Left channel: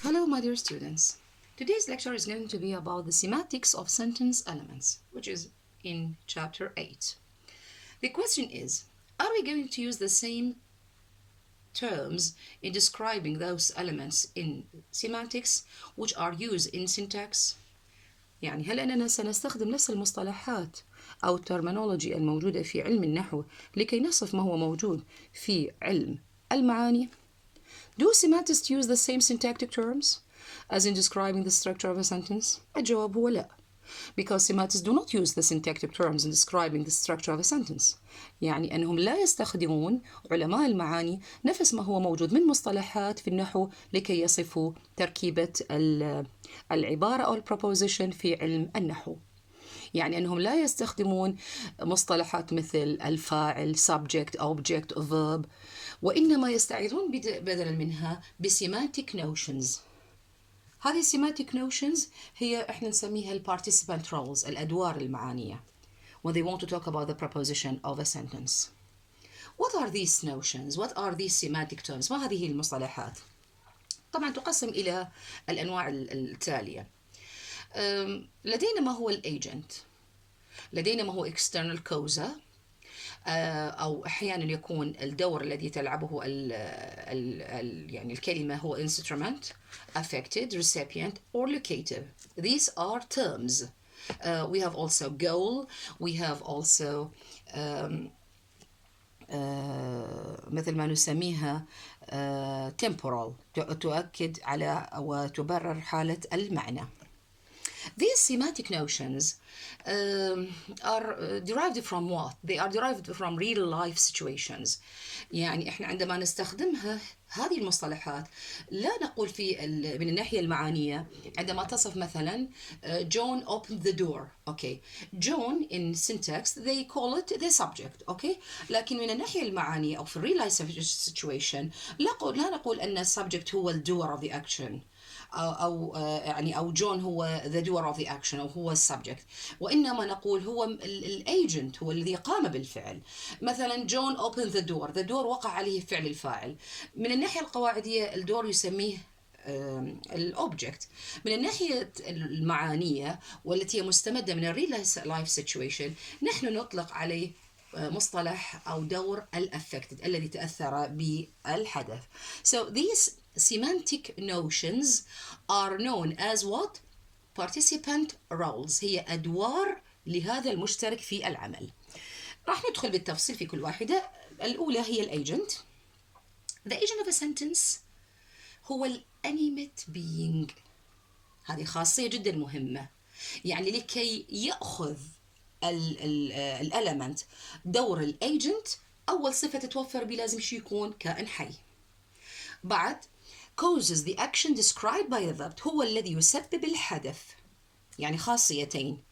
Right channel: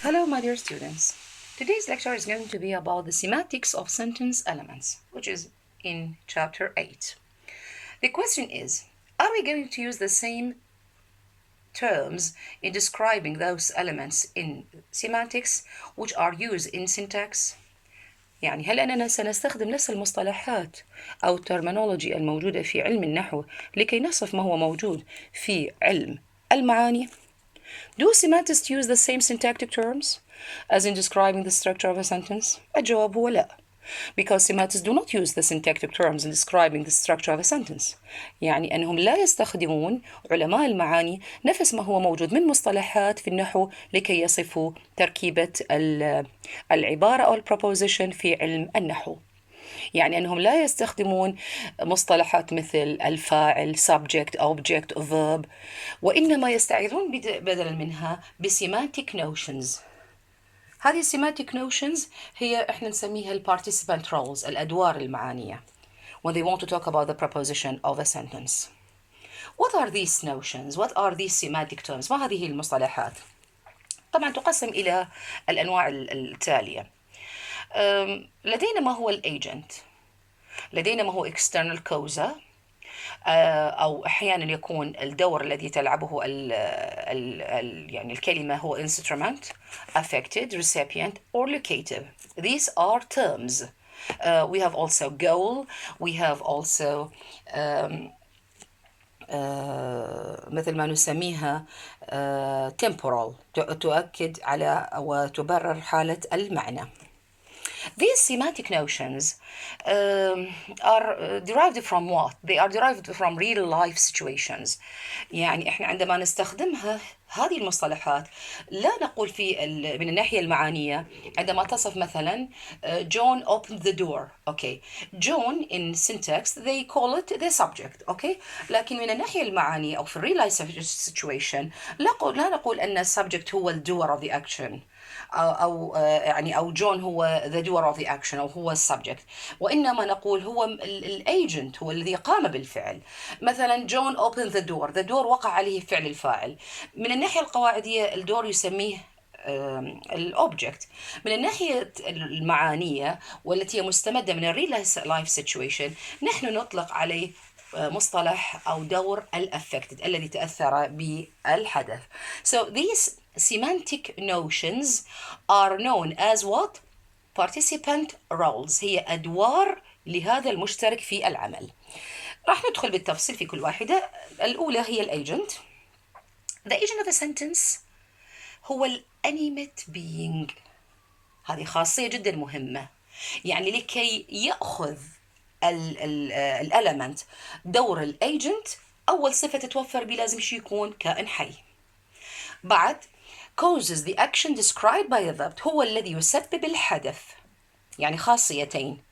Hello, my dear students. Today's lecture is going to be about the semantics of sentence elements, which is in chapter 8. The question is, are we going to use the same terms in describing those elements in semantics which are used in syntax؟ يعني هل أننا سنستخدم نفس المصطلحات أو الترمينولوجي الموجودة في علم النحو لكي نصف ما هو موجود في علم المعاني؟ Do semantists use the same syntactic terms as in describing the structure of a sentence? الجواب هو لا. Because semantists do not use the syntactic terms in describing the structure of a sentence. يعني أنهم لا يستخدمون علماء المعاني نفس ما هو موجود من مصطلحات في النحو لكي يصفوا تركيبة العبارة أو البروبوزيشن في علم النحو. يعني أنهم لا يستخدمون مصطلحات مثل الفاعل subject object verb وإنما يستعيذون بدلا منها بسيمانتيك notions. هذه السيمانتيك notions هي إحنا نسميها participant roles الأدوار المعانية when they want to talk about the proposition of a sentence. What are these notions? What are these semantic terms? ما هذه المصطلحات؟ طبعا تقسم إلى الأنواع التالية. لدينا ما هو الagent، لدينا ما هو external causa، أو أحيانا يكون الدور الذي تلعبه يعني الكلمة هو instrument, affected, recipient or locative. These are terms. We have also goal, we have also مثل ما نسميها temporal تؤكد على وتبرر حالة المعنى. These semantic notions are derived from what? They are derived from real life situations. يعني إحنا عندما نستخدمها هذه المصطلحات لا نقول من الناحية المعانية عندما تصف مثلا John opened the door. Okay. John in syntax they call it the subject. Okay. لكن من الناحية المعانية أو في real life situation لا نقول أن subject هو the doer of the action. أو جون هو the doer of the action أو هو السبجكت، وإنما نقول هو الايجنت هو الذي قام بالفعل. مثلا جون opened the door، the door وقع عليه فعل الفاعل. من الناحية القواعدية الدور يسميه الأوبجكت. من الناحية المعانية والتي هي مستمدة من الريل لايف سيتويشن نحن نطلق عليه مصطلح أو دور الأفكتد الذي تأثر بالحدث. So these semantic notions are known as what? Participant roles. هي أدوار لهذا المشترك في العمل. راح ندخل بالتفصيل في كل واحدة. الأولى هي الagent. The agent of a sentence هو الانيميت being. هذه خاصية جدا مهمة. يعني لكي يأخذ الاليمنت دور الايجنت أول صفة تتوفر به لازم شي يكون كائن حي. بعد causes the action described by the verb هو الذي يسبب الحدث. يعني خاصيتين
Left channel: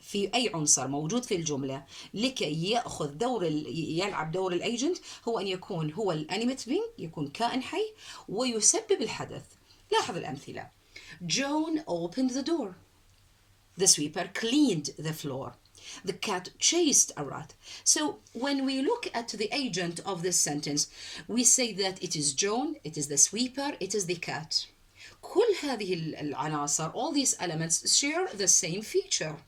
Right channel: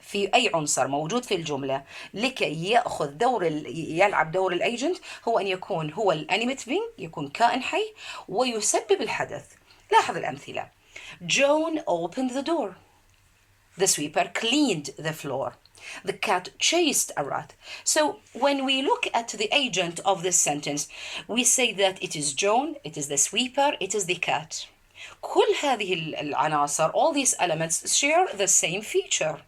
في أي عنصر موجود في الجملة لكي يأخذ يلعب دور الايجنت هو أن يكون هو الانيميت بينج يكون كائن حي ويسبب الحدث. لاحظ الأمثلة. John opened the door. The sweeper cleaned the floor. The cat chased a rat. So when we look at the agent of this sentence, we say that it is John, it is the sweeper, it is the cat. كل هذه العناصر, all these elements share the same feature.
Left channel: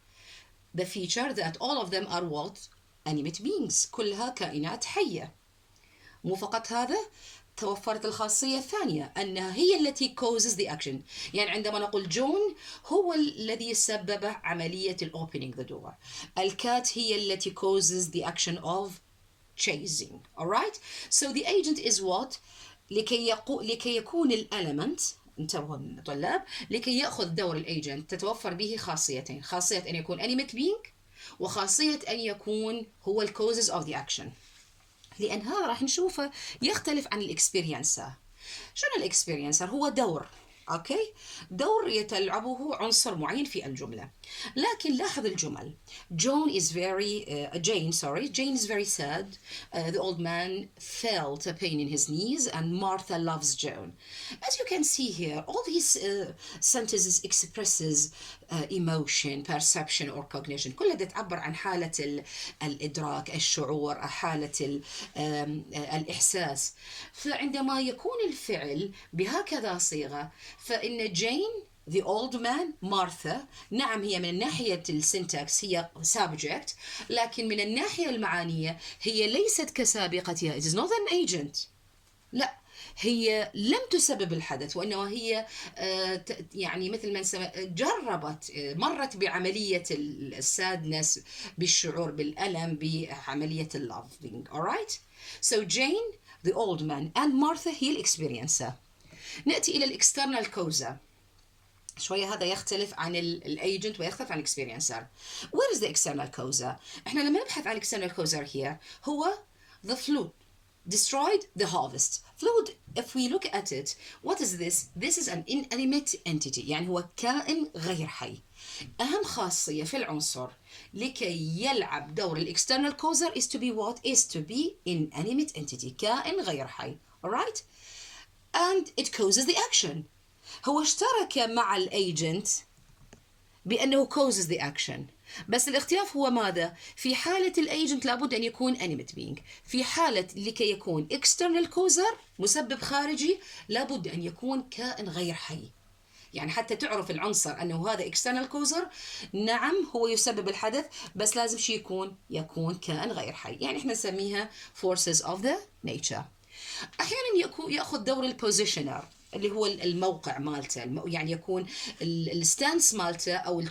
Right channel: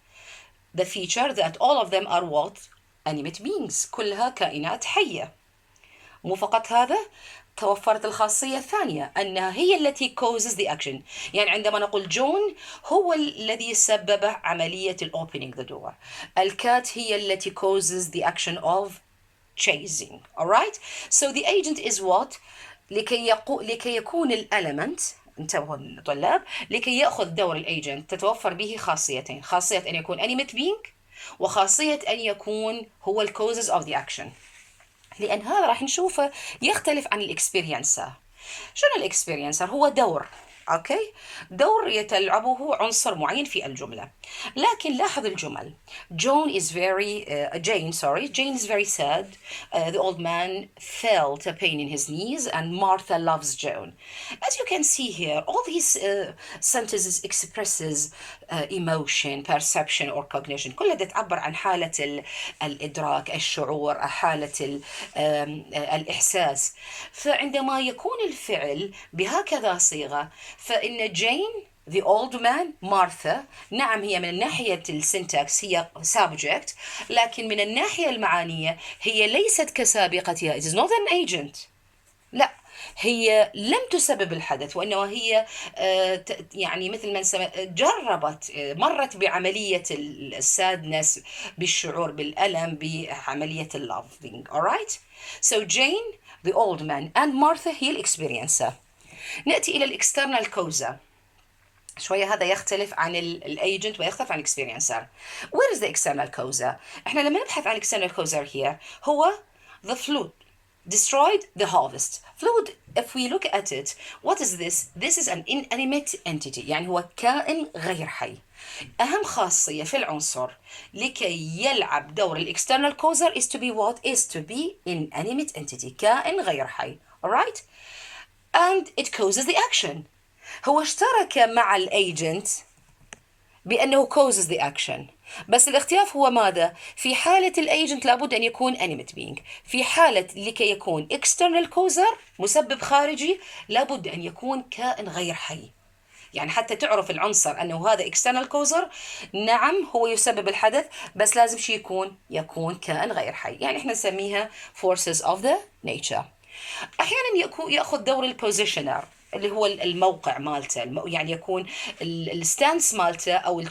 The feature that all of them are what? Animate beings. كلها كائنات حية. مو فقط هذا، توفرت الخاصية الثانية أنها هي التي causes the action. يعني عندما نقول جون هو الذي سبب عملية opening the door. الكات هي التي causes the action of chasing. Alright? So the agent is what? لكي يكون الاليمنت، انتبهوا طلاب، لكي يأخذ دور الايجنت تتوفر به خاصيتين، خاصية أن يكون animate being وخاصية أن يكون هو ال causes of the action. لأن هذا راح نشوفه يختلف عن الإكسبيرينسر. شنو الإكسبيرينسر؟ هو دور، أوكي؟ دور يتلعبه عنصر معين في الجملة. لكن لاحظ الجمل. Jane is very sad. The old man felt a pain in his knees and Martha loves Joan. As you can see here, all these sentences expresses emotion, perception or cognition. كلها تعبر عن حالة الإدراك، الشعور، حالة الإحساس. فعندما يكون الفعل بهكذا صيغة فإن جين the old man مارثا نعم هي من ناحية السنتكس هي subject، لكن من الناحية المعانية هي ليست كسابقتها. it is not an agent. لا، هي لم تسبب الحدث، وإنما هي يعني مثل ما جربت، مرت بعملية السادنس، بالشعور بالألم، بعملية loving. alright. so Jane the old man and Martha هي الإكسبيرينسر. نأتي إلى الإكسترنال كوزا. شوية هذا يختلف عن الايجنت ويختلف عن الاكسبيرينسر. Where is the external causa؟ احنا لما نبحث عن external causa here هو the flood destroyed the harvest. flood if we look at it, what is this? This is an inanimate entity، يعني هو كائن غير حي. أهم خاصية في العنصر لكي يلعب دور الاكسترنال causa is to be what? Is to be inanimate entity، كائن غير حي. alright. and it causes the action. هو اشترك مع الايجنت بأنه causes the action، بس الاختلاف هو ماذا؟ في حالة الايجنت لابد أن يكون animate being، في حالة لكي يكون external causer مسبب خارجي لابد أن يكون كائن غير حي. يعني حتى تعرف العنصر أنه هذا external causer، نعم هو يسبب الحدث، بس لازم شيء يكون كائن غير حي. يعني احنا نسميها forces of the nature. احيانا ياخذ دور البوزيشنر اللي هو الموقع مالته، يعني يكون الستانس مالته او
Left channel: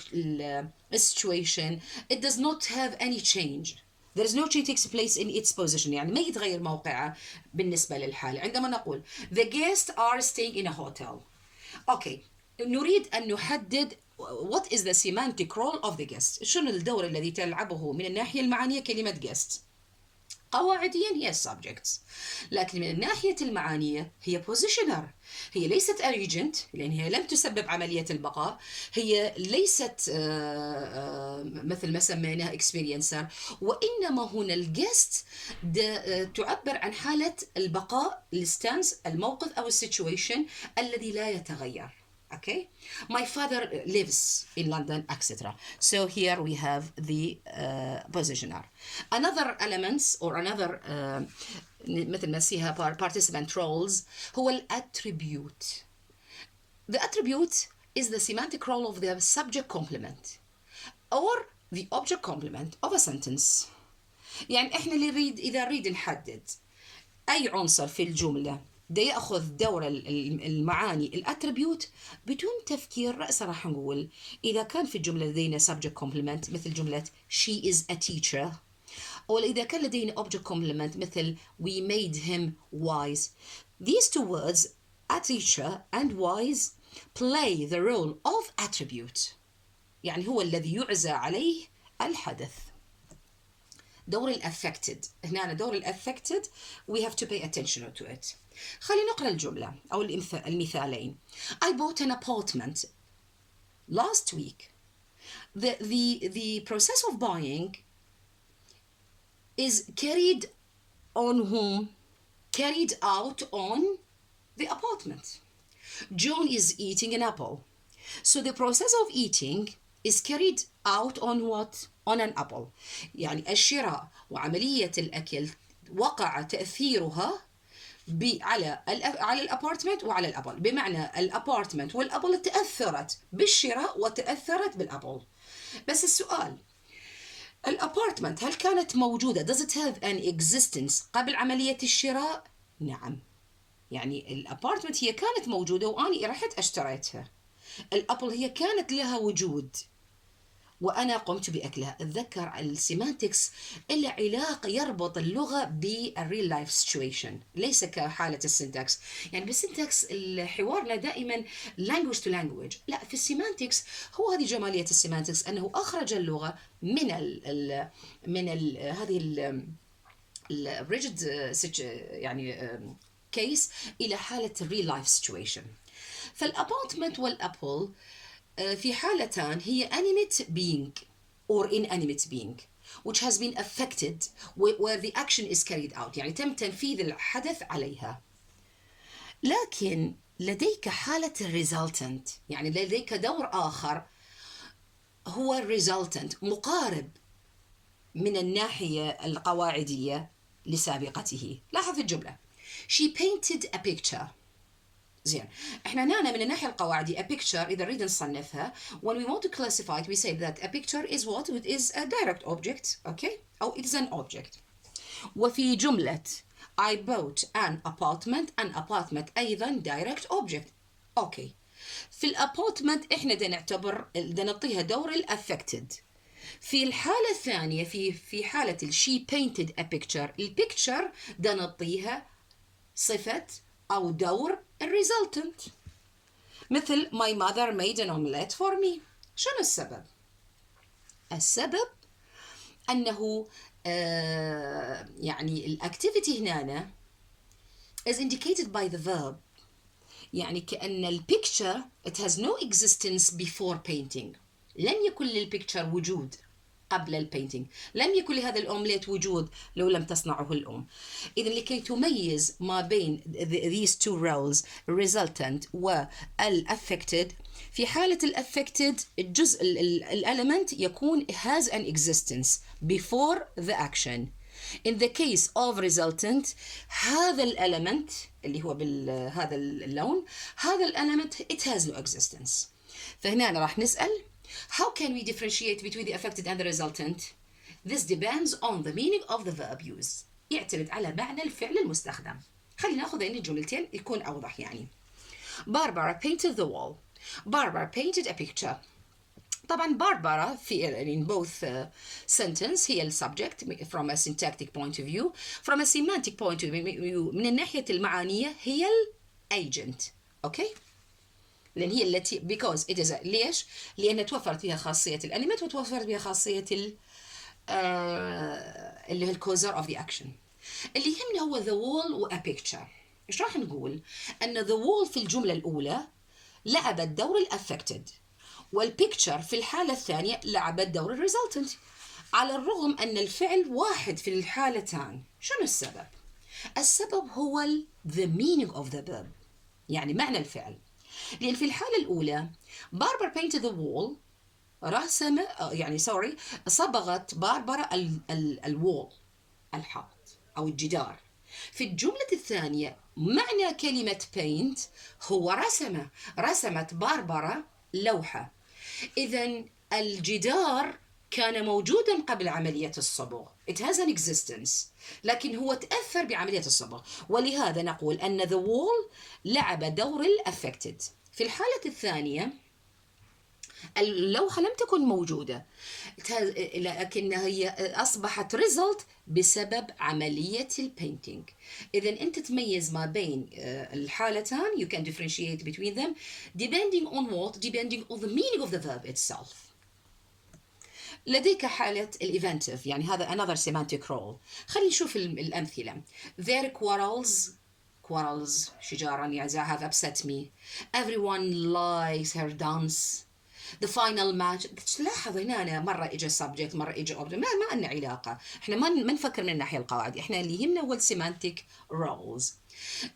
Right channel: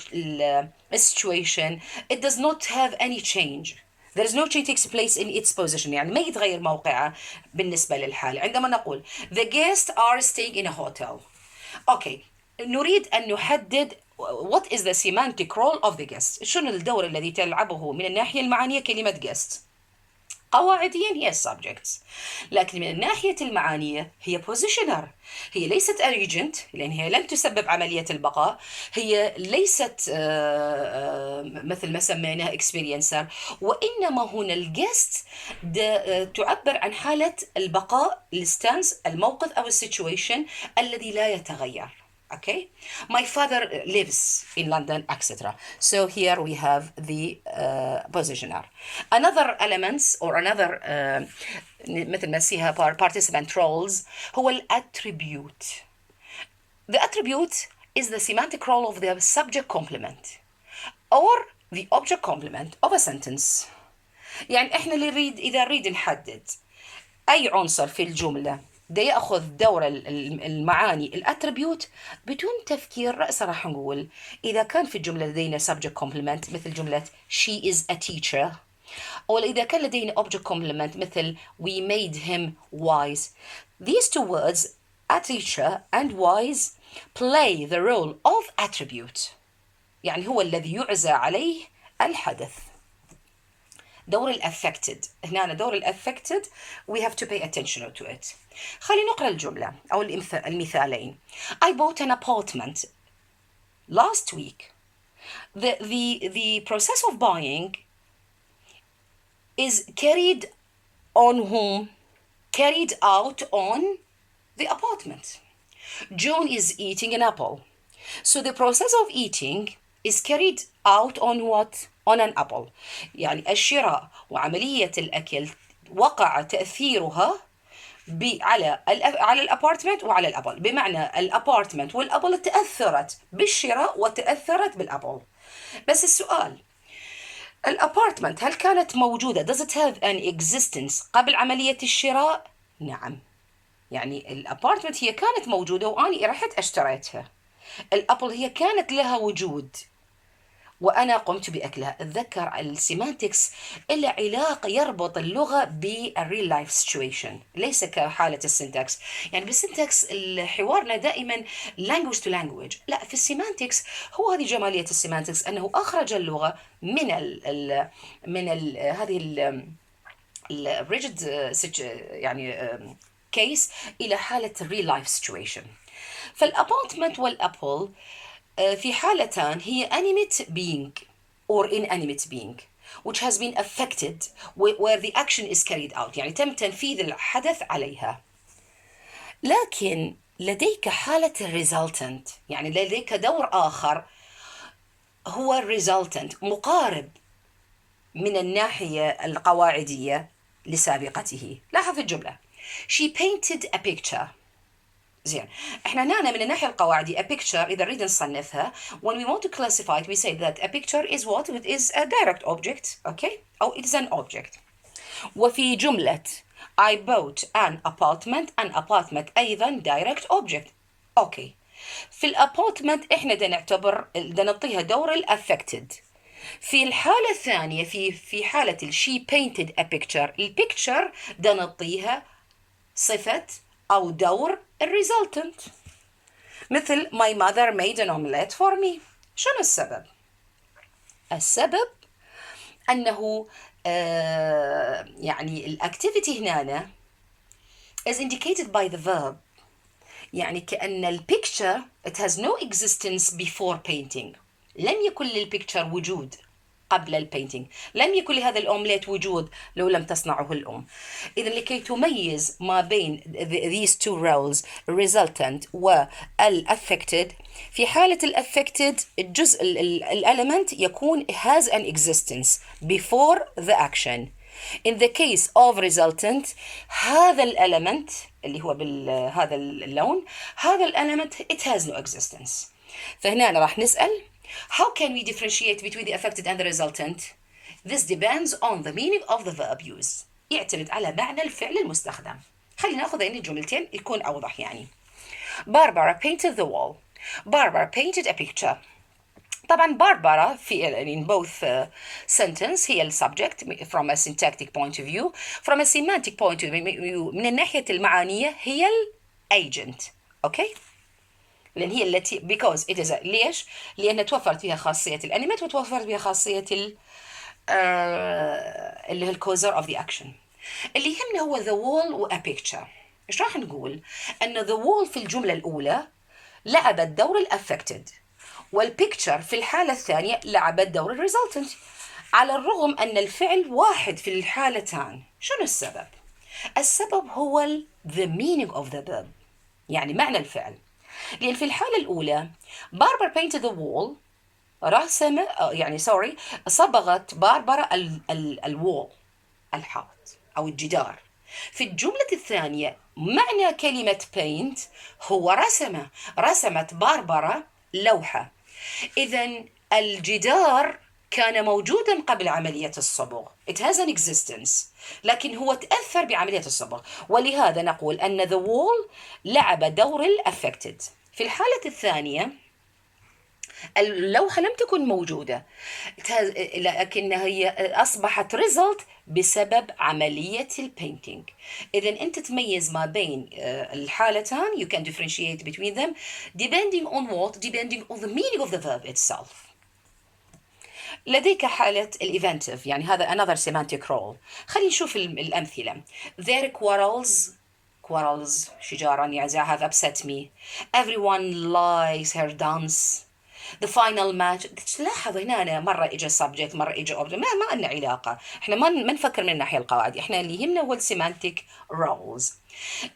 السيتويشن it does not have any change. There is no change takes place in its position، يعني ما يتغير موقعه بالنسبة للحالة. عندما نقول the guests are staying in a hotel، اوكي، نريد ان نحدد what is the semantic role of the guest. شنو الدور الذي تلعبه من الناحية المعانية كلمة guest؟ قواعديا هي subjects، لكن من الناحية المعانية هي positioner. هي ليست agent لأن هي لم تسبب عملية البقاء، هي ليست مثل ما سميناها experiencer، وإنما هنا الجست تعبر عن حالة البقاء، الستانس، الموقف أو السيتويشن الذي لا يتغير. Okay, my father lives in London, etc. So here we have the positioner. Another elements or another مثل ما نسيها participant roles هو الاتريبيوت. The attribute is the semantic role of the subject complement or the object complement of a sentence. يعني احنا اللي اذا نريد نحدد اي عنصر في الجمله ده ياخذ دور المعاني الاتريبيوت بدون تفكير رأسا راح نقول اذا كان في الجمله لدينا subject complement مثل جمله she is a teacher، او اذا كان لدينا object complement مثل we made him wise. These two words a teacher and wise play the role of attribute، يعني هو الذي يعزى عليه الحدث. دور الأفكتد، هنا دور الأفكتد we have to pay attention to it. خلينا نقرأ الجملة أو المثالين. I bought an apartment last week. The process of buying is carried on whom? Carried out on the apartment. John is eating an apple. So the process of eating is carried out on what? On an apple. يعني الشراء وعملية الأكل وقع تأثيرها على الابارتمنت وعلى الابل، بمعنى الابارتمنت والابل تأثرت بالشراء وتأثرت بالابل. بس السؤال، الابارتمنت هل كانت موجودة does it have an existence قبل عملية الشراء؟ نعم، يعني الابارتمنت هي كانت موجودة وأني رحت اشتريتها. الابل هي كانت لها وجود وأنا قمت بأكلها. أتذكر السيمانتكس إلا علاقة يربط اللغة بالريل لايف سيتويشن، ليس كحالة السنتكس. يعني بالسنتكس حوارنا دائما language to language، لا في السيمانتكس هو هذه جمالية السيمانتكس أنه أخرج اللغة من هذه الريجد يعني كيس إلى حالة الريل لايف سيتويشن. فالابارتمنت والابل في حالتان هي animate being or inanimate being which has been affected where the action is carried out، يعني تم تنفيذ الحدث عليها. لكن لديك حالة resultant، يعني لديك دور آخر هو resultant مقارب من الناحية القواعدية لسابقته. لاحظ الجملة she painted a picture زين. احنا هنا من الناحيه القواعديه a picture اذا نريد نصنفها when we want to classify it we say that a picture is what it is a direct object okay او it is an object. وفي جمله I bought an apartment ايضا direct object اوكي. في الابارتمنت احنا دا نعطيها دور الافكتد. في الحالة الثانية في حالة she painted a picture البيكتشر دا نعطيها صفة أو دور الريزلتنت. مثل my mother made an omelette for me. شنو السبب؟ السبب أنه يعني الأكتيفيتي هنا is indicated by the verb. يعني كأن البيكتشر it has no existence before painting. لم يكن للبيكتشر وجود قبل البينتينج، لم يكن لهذا الأومليت وجود لو لم تصنعه الأم. إذا لكي تميز ما بين these two roles resultant والaffected، في حالة الaffected الجزء الelement يكون has an existence before the action. In the case of resultant هذا الelement اللي هو بهذا اللون هذا الelement it has no existence. فهنا راح نسأل how can we differentiate between the affected and the resultant? This depends on the meaning of the verb used. يعتمد على معنى الفعل المستخدم. خلينا ناخذ هذين الجملتين يكون أوضح يعني. Barbara painted the wall. Barbara painted a picture. طبعا Barbara in both sentence هي subject from a syntactic point of view. From a semantic point of view من الناحية المعانية هي agent. Okay? لأن هي التي because it is ليش؟ لأن توفرت فيها خاصية الأنيميت وتوفرت فيها خاصية اللي هي الكوزر of the action. اللي يهمنا هو the wall و a picture. إيش راح نقول؟ أن the wall في الجملة الأولى لعبت دور الأفكتد والبيكتشر في الحالة الثانية لعبت دور الريزلتنت على الرغم أن الفعل واحد في الحالتان. شنو السبب؟ السبب هو the meaning of the verb يعني معنى الفعل. لأن في الحالة الأولى باربرا painted the wall رسم يعني صبغت باربرا الوول الحائط أو الجدار. في الجملة الثانية معنى كلمة paint هو رسمت باربرا لوحة. إذن الجدار كان موجودا قبل عملية الصبغ it has an existence لكن هو تأثر بعملية الصبغ ولهذا نقول أن the wall لعب دور الأفكتد. في الحالة الثانية اللوحة لم تكن موجودة لكنها هي أصبحت result بسبب عملية البينتينج. إذن أنت تميز ما بين الحالتان you can differentiate between them depending on what? Depending on the meaning of the verb itself. لديك حالة الإيفنتيف يعني هذا another semantic role. خلينا نشوف الأمثلة. Their quarrels شجارا يعني have upset me. Everyone likes her dance. The final match. تلاحظ هنا مرة إجا subject مرة إجا object ما لنا علاقة. إحنا ما نفكر من الناحية القواعد. إحنا اللي يهمنا هو semantic roles.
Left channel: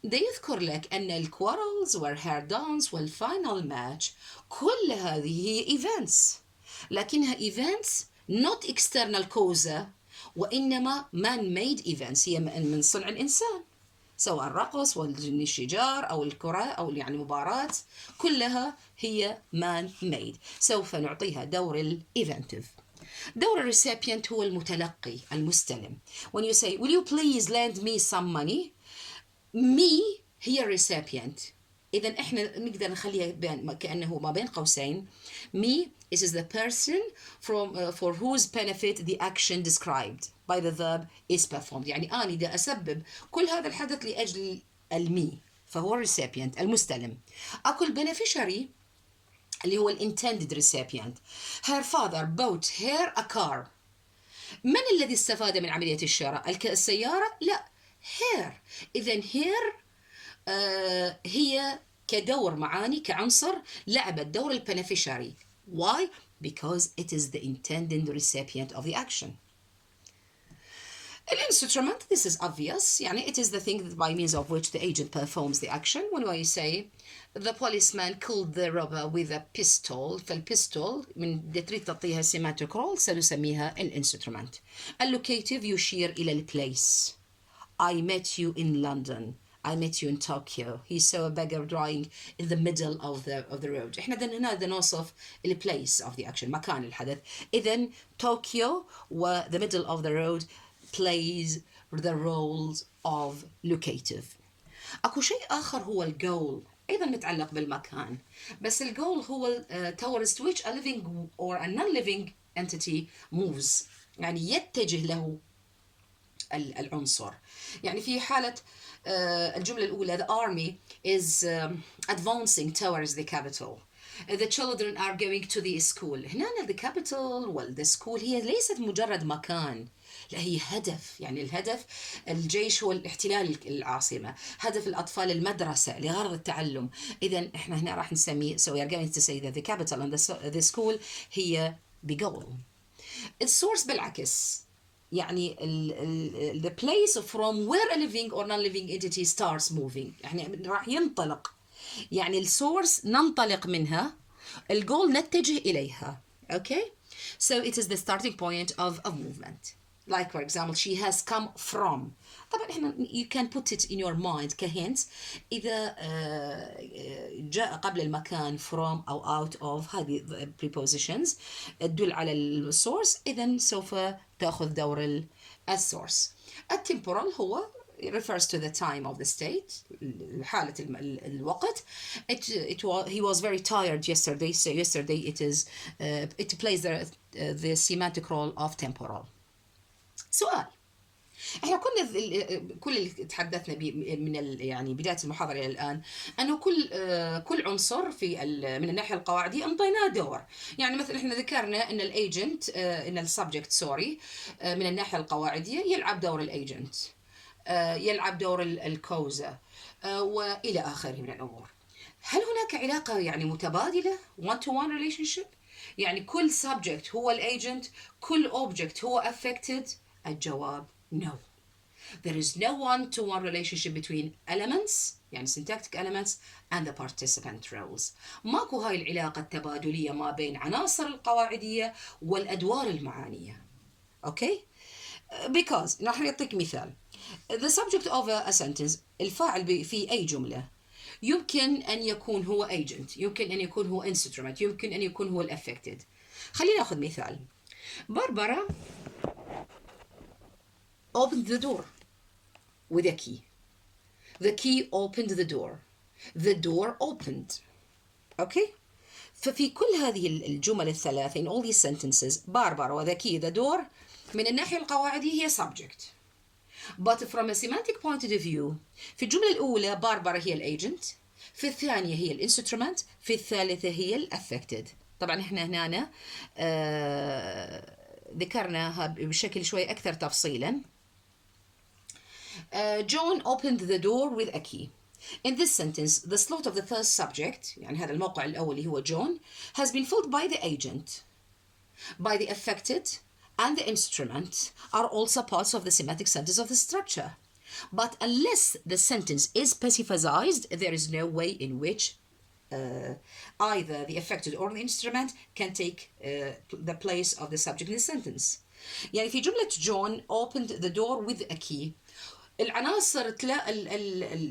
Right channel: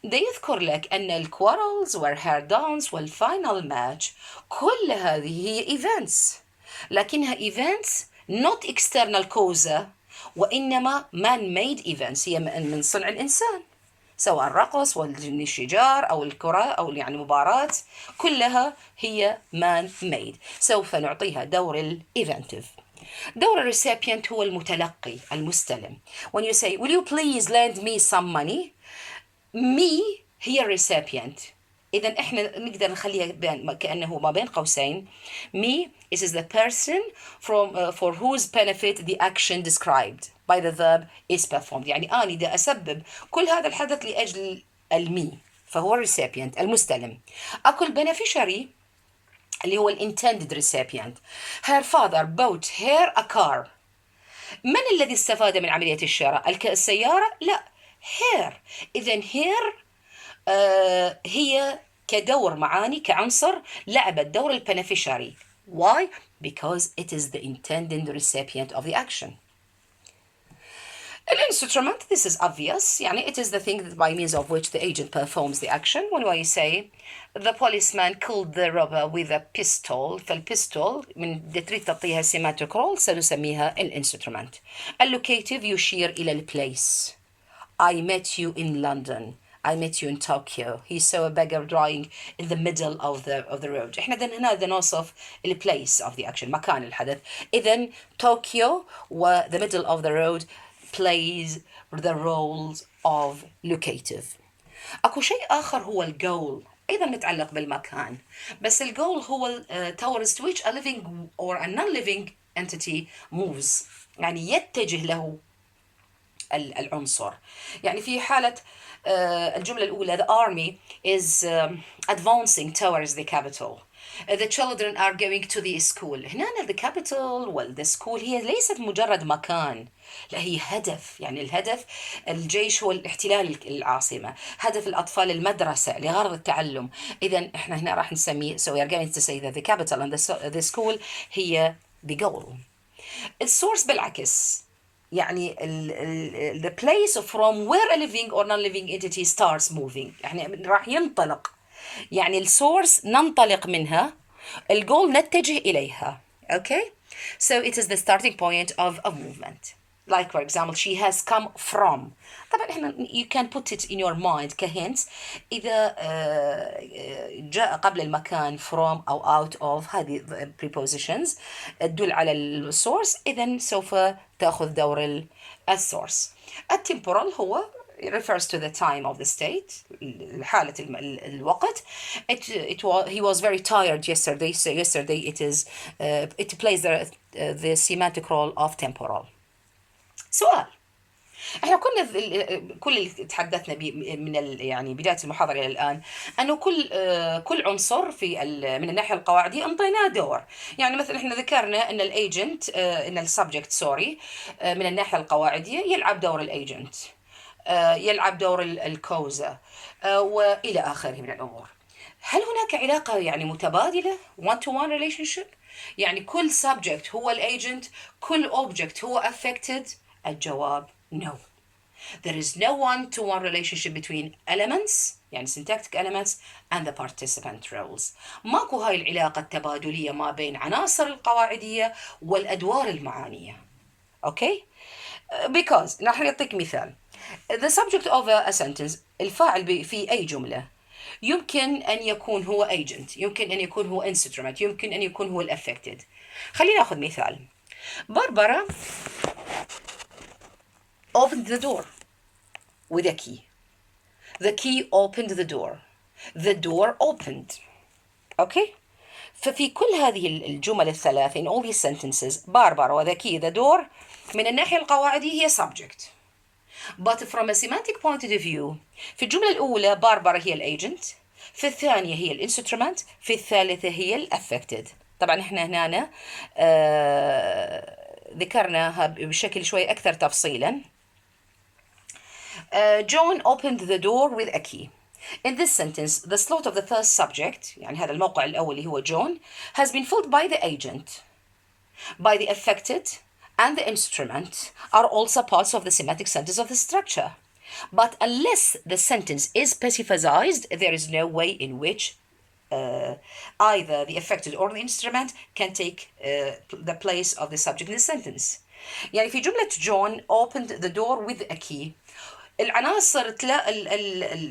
ده يذكر لك أن الquarrels were her dance والfinal match كل هذه هي events لكنها events not external causa وإنما man-made events هي من صنع الإنسان سواء الرقص والشجار أو الكرة أو يعني مباراة كلها هي man-made. سوف نعطيها دور الإيفنتيف. دور الريسيبيانت هو المتلقي المستلم. When you say will you please lend me some money me هي الريسيبيانت. إذا إحنا نقدر نخليها كأنه ما بين قوسين me is the person for whose benefit the action described by the verb is performed. يعني أنا دا أسبب كل هذا الحدث لأجل المي فهو recipient المستلم. أكو beneficiary اللي هو intended recipient. Her father bought her a car. من الذي استفاد من عملية الشراء؟ السيارة؟ لا her. إذن her هي كدور معاني كعنصر لعبت دور البنفيشاري. Why? Because it is the intended recipient of the action. An instrument, this is obvious يعني it is the thing that by means of which the agent performs the action. When I say the policeman killed the robber with a pistol فالبيستول من تريد تعطيها semantic role سنسميها الانسترومنت. Allocative يشير إلى البليس. I met you in London. I met you in Tokyo. He saw a beggar drying in the middle of the road. احنا هنا نوصف ال place of the action, مكان الحدث. إذن Tokyo و the middle of the road plays the roles of locative. اكو شيء اخر هو الجول، ايضا متعلق بالمكان، بس الجول هو towards which a living or a non-living entity moves، يعني يتجه له العنصر. يعني في حالة الجملة الأولى the army is advancing towards the capital. The children are going to the school. هنا the capital the school هي ليست مجرد مكان، لا هي هدف. يعني الهدف الجيش هو الاحتلال العاصمة، هدف الأطفال المدرسة لغرض التعلم. إذا إحنا هنا راح نسميه so we are going to say that the capital and the school هي the goal. السورس بالعكس، يعني the place from where a living or non-living entity starts moving، يعني راح ينطلق، يعني السورس ننطلق منها، الجول نتجه إليها. Okay, so it is the starting point of movement. Like for example she has come from. طبعا احنا you can put it in your mind كهنت إذا جاء قبل المكان from أو out of، هذه prepositions تدل على السورس، إذن سوف تأخذ دور السورس. التمبورال هو refers to the time of the state، حالة الوقت. He was very tired yesterday, so yesterday it plays the semantic role of temporal. سؤال، احنا كل اللي تحدثنا به من يعني بدايه المحاضره الى الان انه كل عنصر في من الناحيه القواعديه انطيناه دور. يعني مثلا احنا ذكرنا ان الايجنت ان السبجكت سوري من الناحيه القواعديه يلعب دور الايجنت، يلعب دور الكوزا والى اخره من الامور. هل هناك علاقه يعني متبادله one to one relationship؟ يعني كل subject هو الايجنت، كل object هو affected؟ الجواب no. There is no one-to-one relationship between elements يعني syntactic elements and the participant roles. ماكو هاي العلاقة التبادلية ما بين عناصر القواعدية والأدوار المعانية. Okay? Because نحن نعطيك مثال. The subject of a sentence، الفاعل في أي جملة يمكن أن يكون هو agent، يمكن أن يكون هو instrument، يمكن أن يكون هو affected. خلينا ناخذ مثال. باربرا opened the door with a key. The key opened the door. The door opened. Okay? ففي كل هذه الجمل الثلاث in all these sentences باربرا و the key the door من الناحية القواعدية هي subject. But from a semantic point of view في الجملة الأولى باربرا هي الagent، في الثانية هي الانسترومنت، في الثالثة هي الافكتد. طبعا احنا هنا ذكرناها بشكل شوي أكثر تفصيلا. John opened the door with a key. In this sentence, the slot of the first subject يعني هذا الموقع الأول اللي هو John has been filled by the agent, by the affected and the instrument are also parts of the semantic sentence of the structure. But unless the sentence is specified, there is no way in which either the affected or the instrument can take the place of the subject in the sentence. يعني في جملة John opened the door with a key العناصر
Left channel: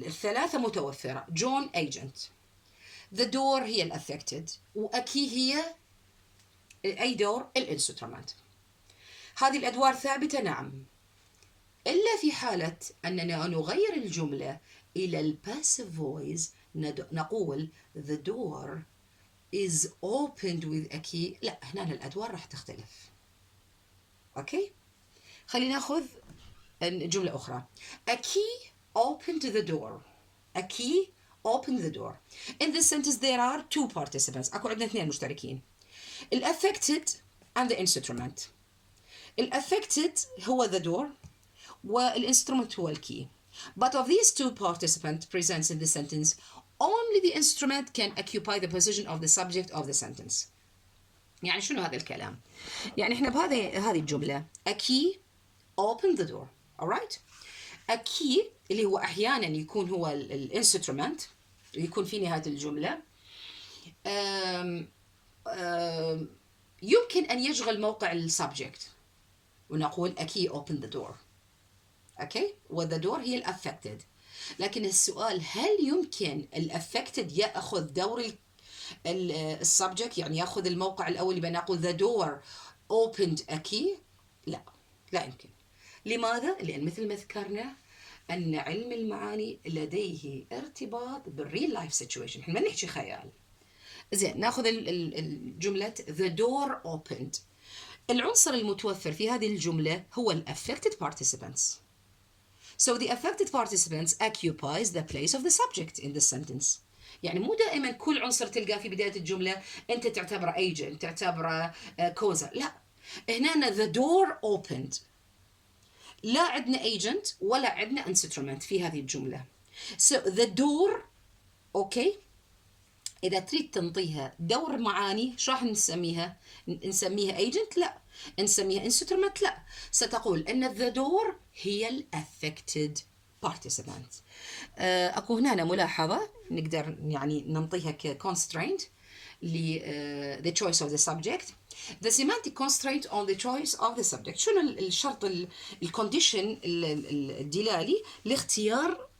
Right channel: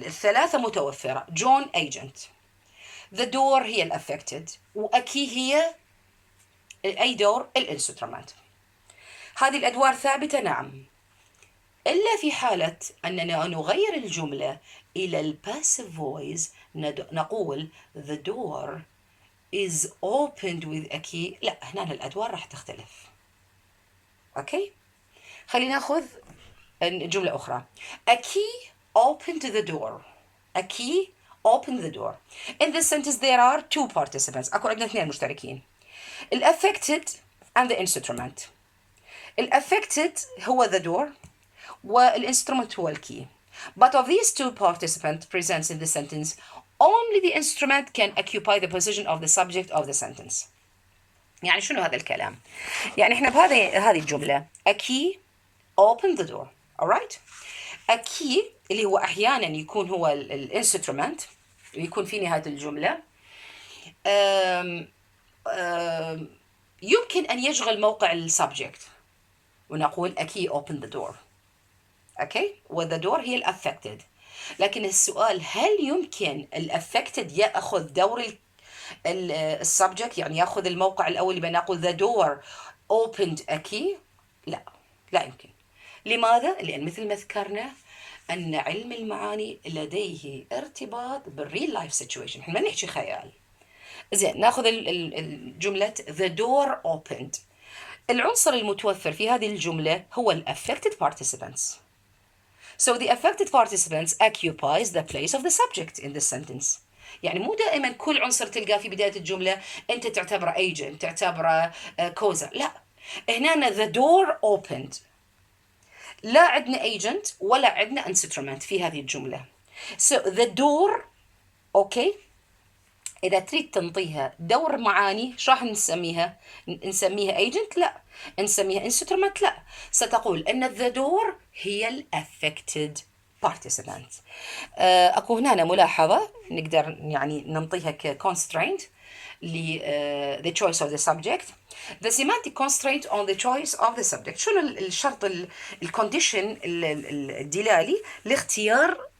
الثلاثة متوفرة. John agent, the door هي الافكتد، وأكي هي أي دور الانسترومنت. هذه الأدوار ثابتة نعم، إلا في حالة أننا نغير الجملة إلى الباسيف فويس نقول the door is opened with a key. لا هنا الأدوار راح تختلف. أوكي، خلينا ناخذ جملة أخرى. A key opened the door. A key opened the door. In this sentence there are two participants. أكو عندنا اثنين مشتركين. affected and the instrument. affected هو the door والinstrument هو الكي. But of these two participants present in the sentence, only the instrument can occupy the position of the subject of the sentence. يعني شنو هذا الكلام؟ يعني احنا بهذه الجملة a key opened the door. alright? a key اللي هو أحيانا يكون هو الانسترومنت ويكون في نهاية الجملة يمكن أن يشغل موقع السبجكت ونقول a key opened the door. okay? و the door هي affected. لكن السؤال هل يمكن الأفكتد يأخذ دور السبجكت، يعني يأخذ الموقع الأول اللي بنقول the door opened a key؟ لا، لا يمكن. لماذا؟ لأن مثل ما ذكرنا أن علم المعاني لديه ارتباط بالريل لايف سيتويشن، احنا ما نحكي خيال. زين، ناخذ الجملة the door opened. العنصر المتوفر في هذه الجملة هو ال affected participants. So the affected participants occupies the place of the subject in the sentence. يعني مو دائما كل عنصر تلقاه في بداية الجملة أنت تعتبره agent، تعتبره causer. لا، هنا the door opened، لا عندنا agent ولا عندنا instrument في هذه الجملة. So the door، أوكي، إذا تريد تنطيها دور معاني شو راح نسميها؟ نسميها agent؟ لا. نسميها instrument؟ لا. ستقول أن the door هي ال affected participant. أكو هنا ملاحظة نقدر يعني ننطيها ك constraint the choice of the subject. The semantic constraint on the choice of the subject. شنو الشرط الكونديشن الدلالي لاختيار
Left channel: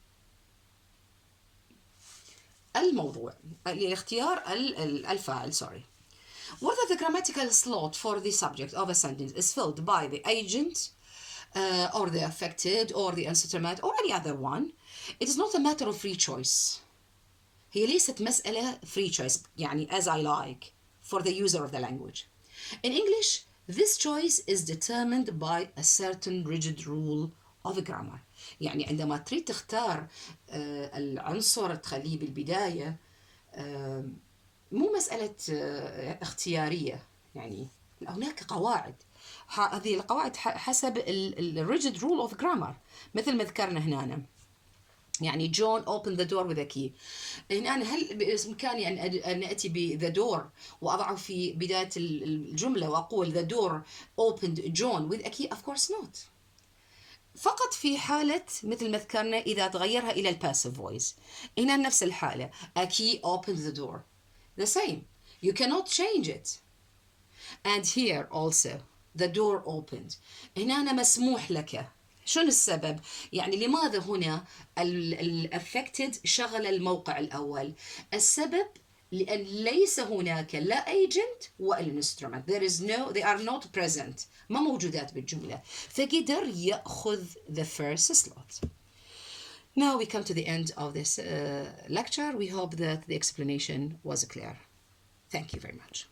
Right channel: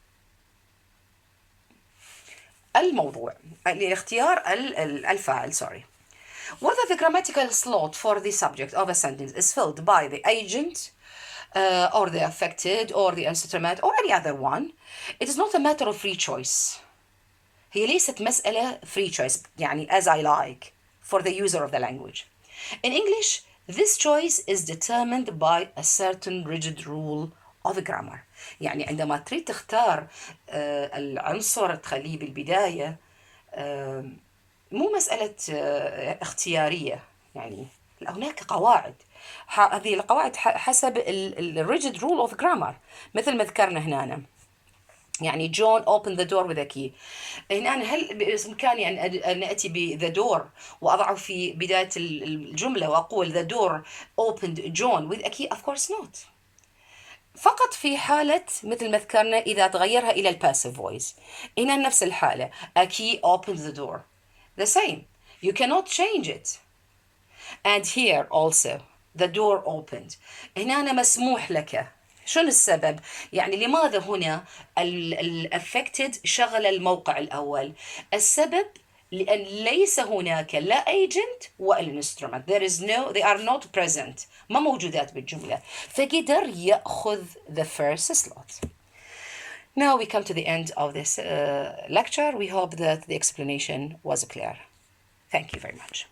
الموضوع، لاختيار الفاعل. sorry. Whether the grammatical slot for the subject of a sentence is filled by the agent or the affected or the instrument or any other one, it is not a matter of free choice. هي ليست مسألة free choice يعني as I like for the user of the language. In English, this choice is determined by a certain rigid rule of grammar. يعني عندما تريد تختار العنصر تخليه بالبداية، مو مسألة اختيارية، يعني هناك قواعد. هذه القواعد حسب ال rigid rule of grammar، مثل ما ذكرنا هنا. يعني جون open the door with a key. هنا هل بإمكاني أن أتي ب the door وأضعه في بداية الجملة وأقول the door opened John with a key؟ of course not. فقط في حالة مثل ما ذكرنا إذا تغيرها إلى الباسيف فويس. هنا نفس الحالة a key opened the door، the same، you cannot change it. and here also the door opened. هنا مسموح لك. شنو السبب؟ يعني لماذا هنا affected شغل الموقع الأول؟ السبب لأن ليس هناك لا agent ولا instrument. they are not present، ما موجودات بالجملة، فقدر يأخذ the first slot. Now we come to the end of this lecture. We hope that the explanation was clear. Thank you very much.